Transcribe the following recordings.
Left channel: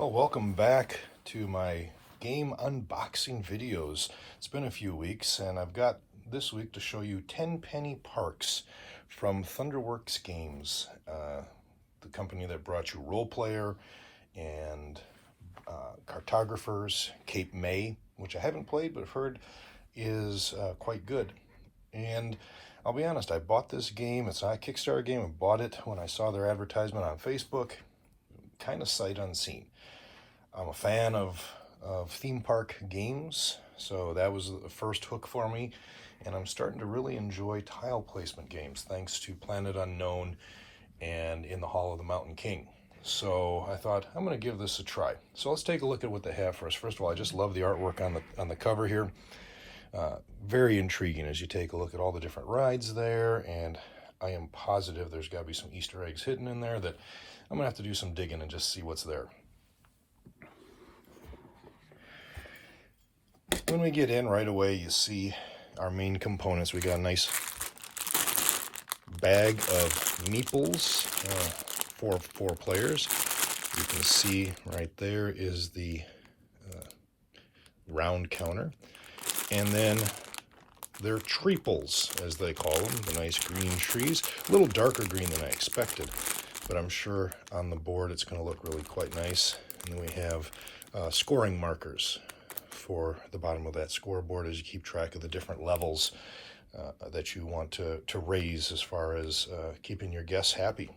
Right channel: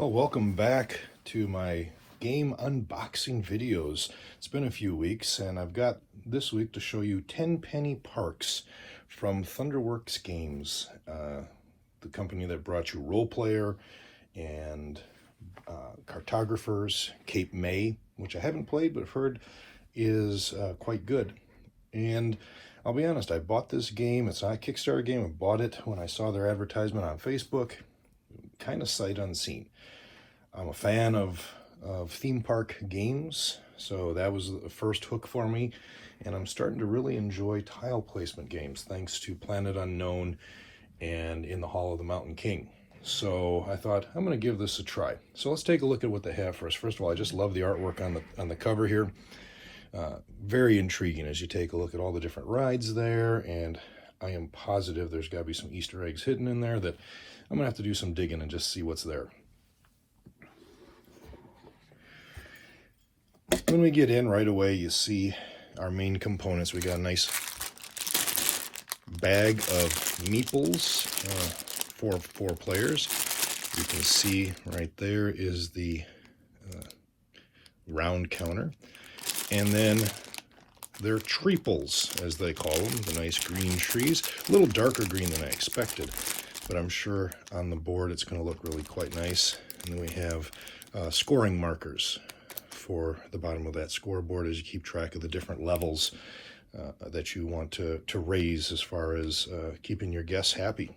Well, welcome back to my game unboxing videos. It's been a few weeks, and I've got this week to show you Tenpenny Parks from Thunderworks Games, the company that brought you Role Player and Cartographers, Cape May, which I haven't played but I've heard is quite good. And I'll be honest, I bought this game. It's not a Kickstarter game. I bought it when I saw their advertisement on Facebook, kind of sight unseen. I'm a fan of theme park games, so that was the first hook for me, and I'm starting to really enjoy tile placement games thanks to Planet Unknown and In the Hall of the Mountain King. So I thought I'm going to give this a try. So let's take a look at what they have first. First of all, I just love the artwork on the cover here. Very intriguing as you take a look at all the different rides there, and I am positive there's got to be some Easter eggs hidden in there that I'm going to have to do some digging and just see what's there. When we get in right away, you see our main components. We got a nice bag of meeples for 4 players. You can see right there is the round counter. And then they're treeples, as they call them, the nice green trees. A little darker green than I expected, but I'm sure on the board it's going to look really quite nice. And then we have scoring markers for the bottom of that scoreboard as you keep track of the different levels that you want to raise as far as keeping your guests happy.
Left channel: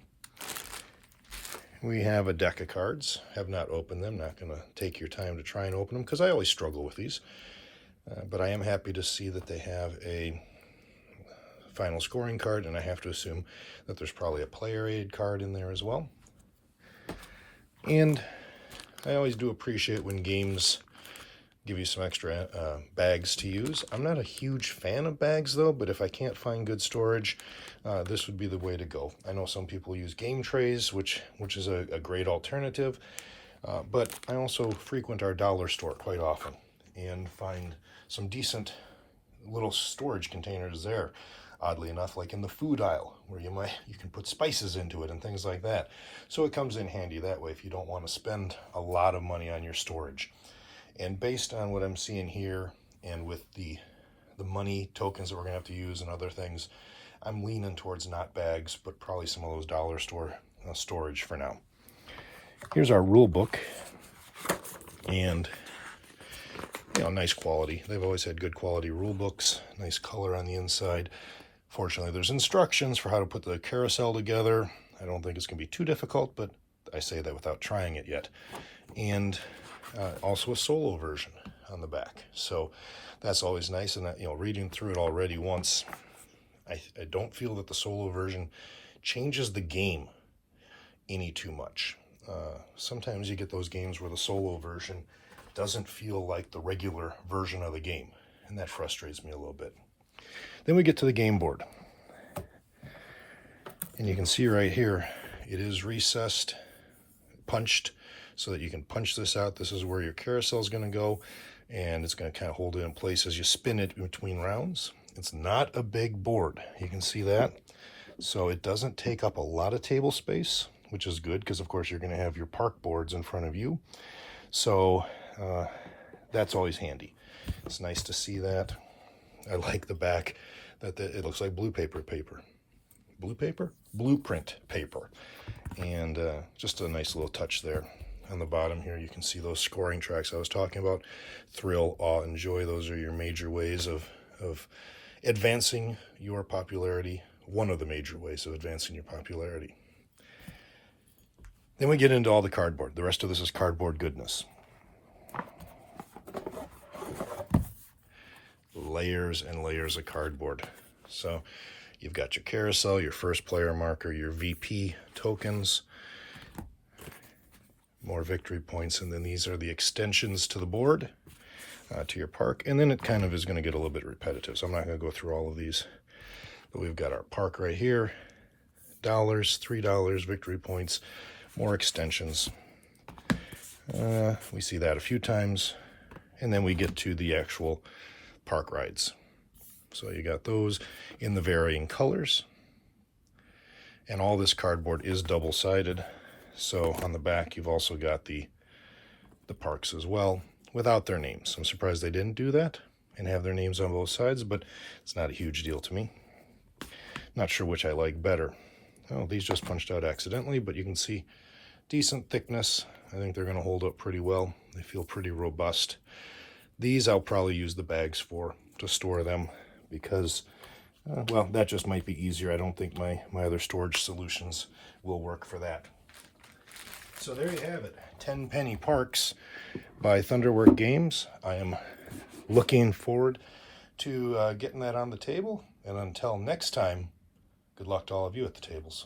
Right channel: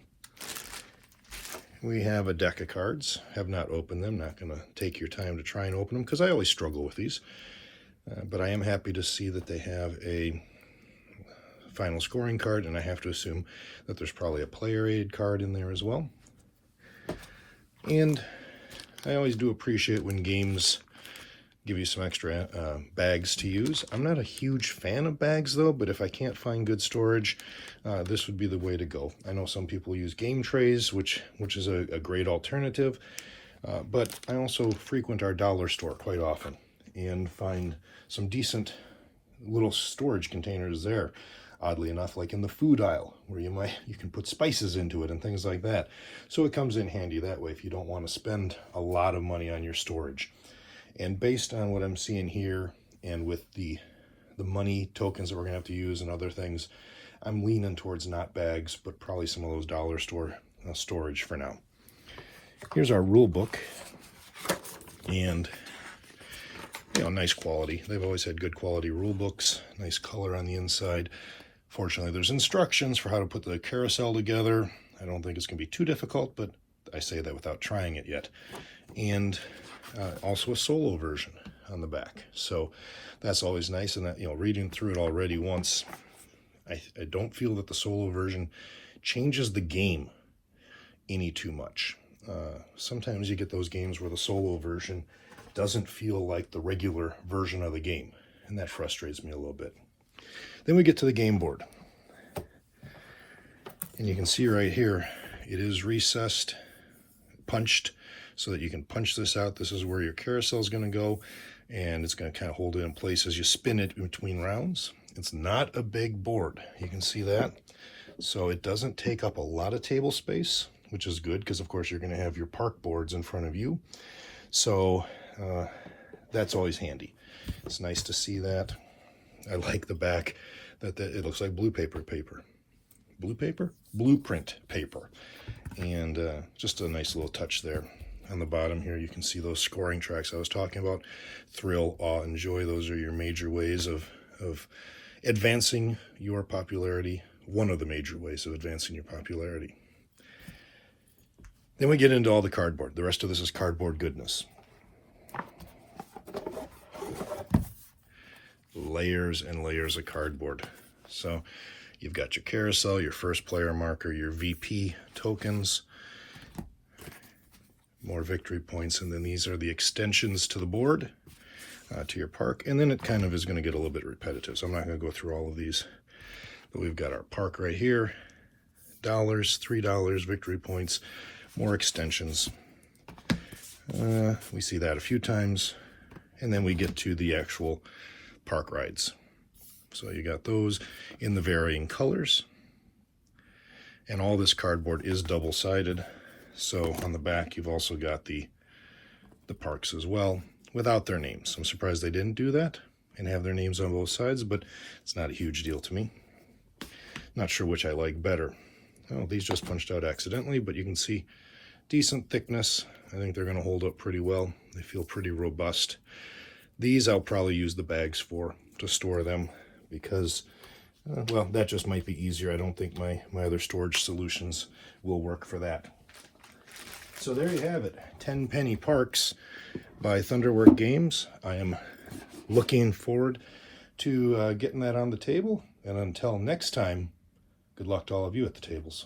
We have a deck of cards. Have not opened them. Not going to take your time to try and open them because I always struggle with these. But I am happy to see that they have a final scoring card, and I have to assume that there's probably a player aid card in there as well. And I always do appreciate when games give you some extra bags to use. I'm not a huge fan of bags though, but if I can't find good storage, this would be the way to go. I know some people use game trays, which is a great alternative, but I also frequent our dollar store quite often and find some decent little storage containers there, oddly enough, like in the food aisle, where you can put spices into it and things like that. So it comes in handy that way if you don't want to spend a lot of money on your storage. And based on what I'm seeing here, and with the money tokens that we're going to have to use and other things, I'm leaning towards not bags, but probably some of those dollar store storage for now. Here's our rule book, and nice quality. They've always had good quality rule books, nice color on the inside. Fortunately, there's instructions for how to put the carousel together. I don't think it's going to be too difficult, but I say that without trying it yet. And also a solo version on the back, so that's always nice. And that, reading through it already once, I don't feel that the solo version changes the game any too much. Sometimes you get those games where the solo version doesn't feel like the regular version of the game, and that frustrates me a little bit. Then we get to the game board, and you can see right here it is recessed, punched, so that you can punch this out. This is where your carousel is going to go, and it's going to kind of hold it in place as you spin it between rounds. It's not a big board, you can see that, so it doesn't take up a lot of table space, which is good because of course you're going to have your park boards in front of you, so that's always handy. It's nice to see that. I like the back that it looks like blueprint paper, and just a nice little touch there. On the bottom here, you can see those scoring tracks I was talking about. Thrill, awe, enjoy. Those are your major ways of advancing your popularity. One of the major ways of advancing your popularity. Then we get into all the cardboard. The rest of this is cardboard goodness. Layers and layers of cardboard. So you've got your carousel, your first player marker, your VP tokens, more victory points, and then these are the extensions to the board, to your park, and then it kind of is going to get a little bit repetitive, so I'm not going to go through all of these. But we've got our park right here, dollars, $3, victory points, more extensions. We see that a few times, and then we get to the actual park rides. So you got those in the varying colors, and all this cardboard is double-sided. So on the back, you've also got the the parks as well without their names. I'm surprised they didn't do that and have their names on both sides, but it's not a huge deal to me. Not sure which I like better. Oh, these just punched out accidentally, but you can see decent thickness. I think they're going to hold up pretty well. They feel pretty robust. These I'll probably use the bags for, to store them, because, well, that just might be easier. I don't think my other storage solutions will work for that. So there you have it, Tenpenny Parks by Thunderwork Games. I am looking forward to getting that on the table, and until next time, good luck to all of you at the tables.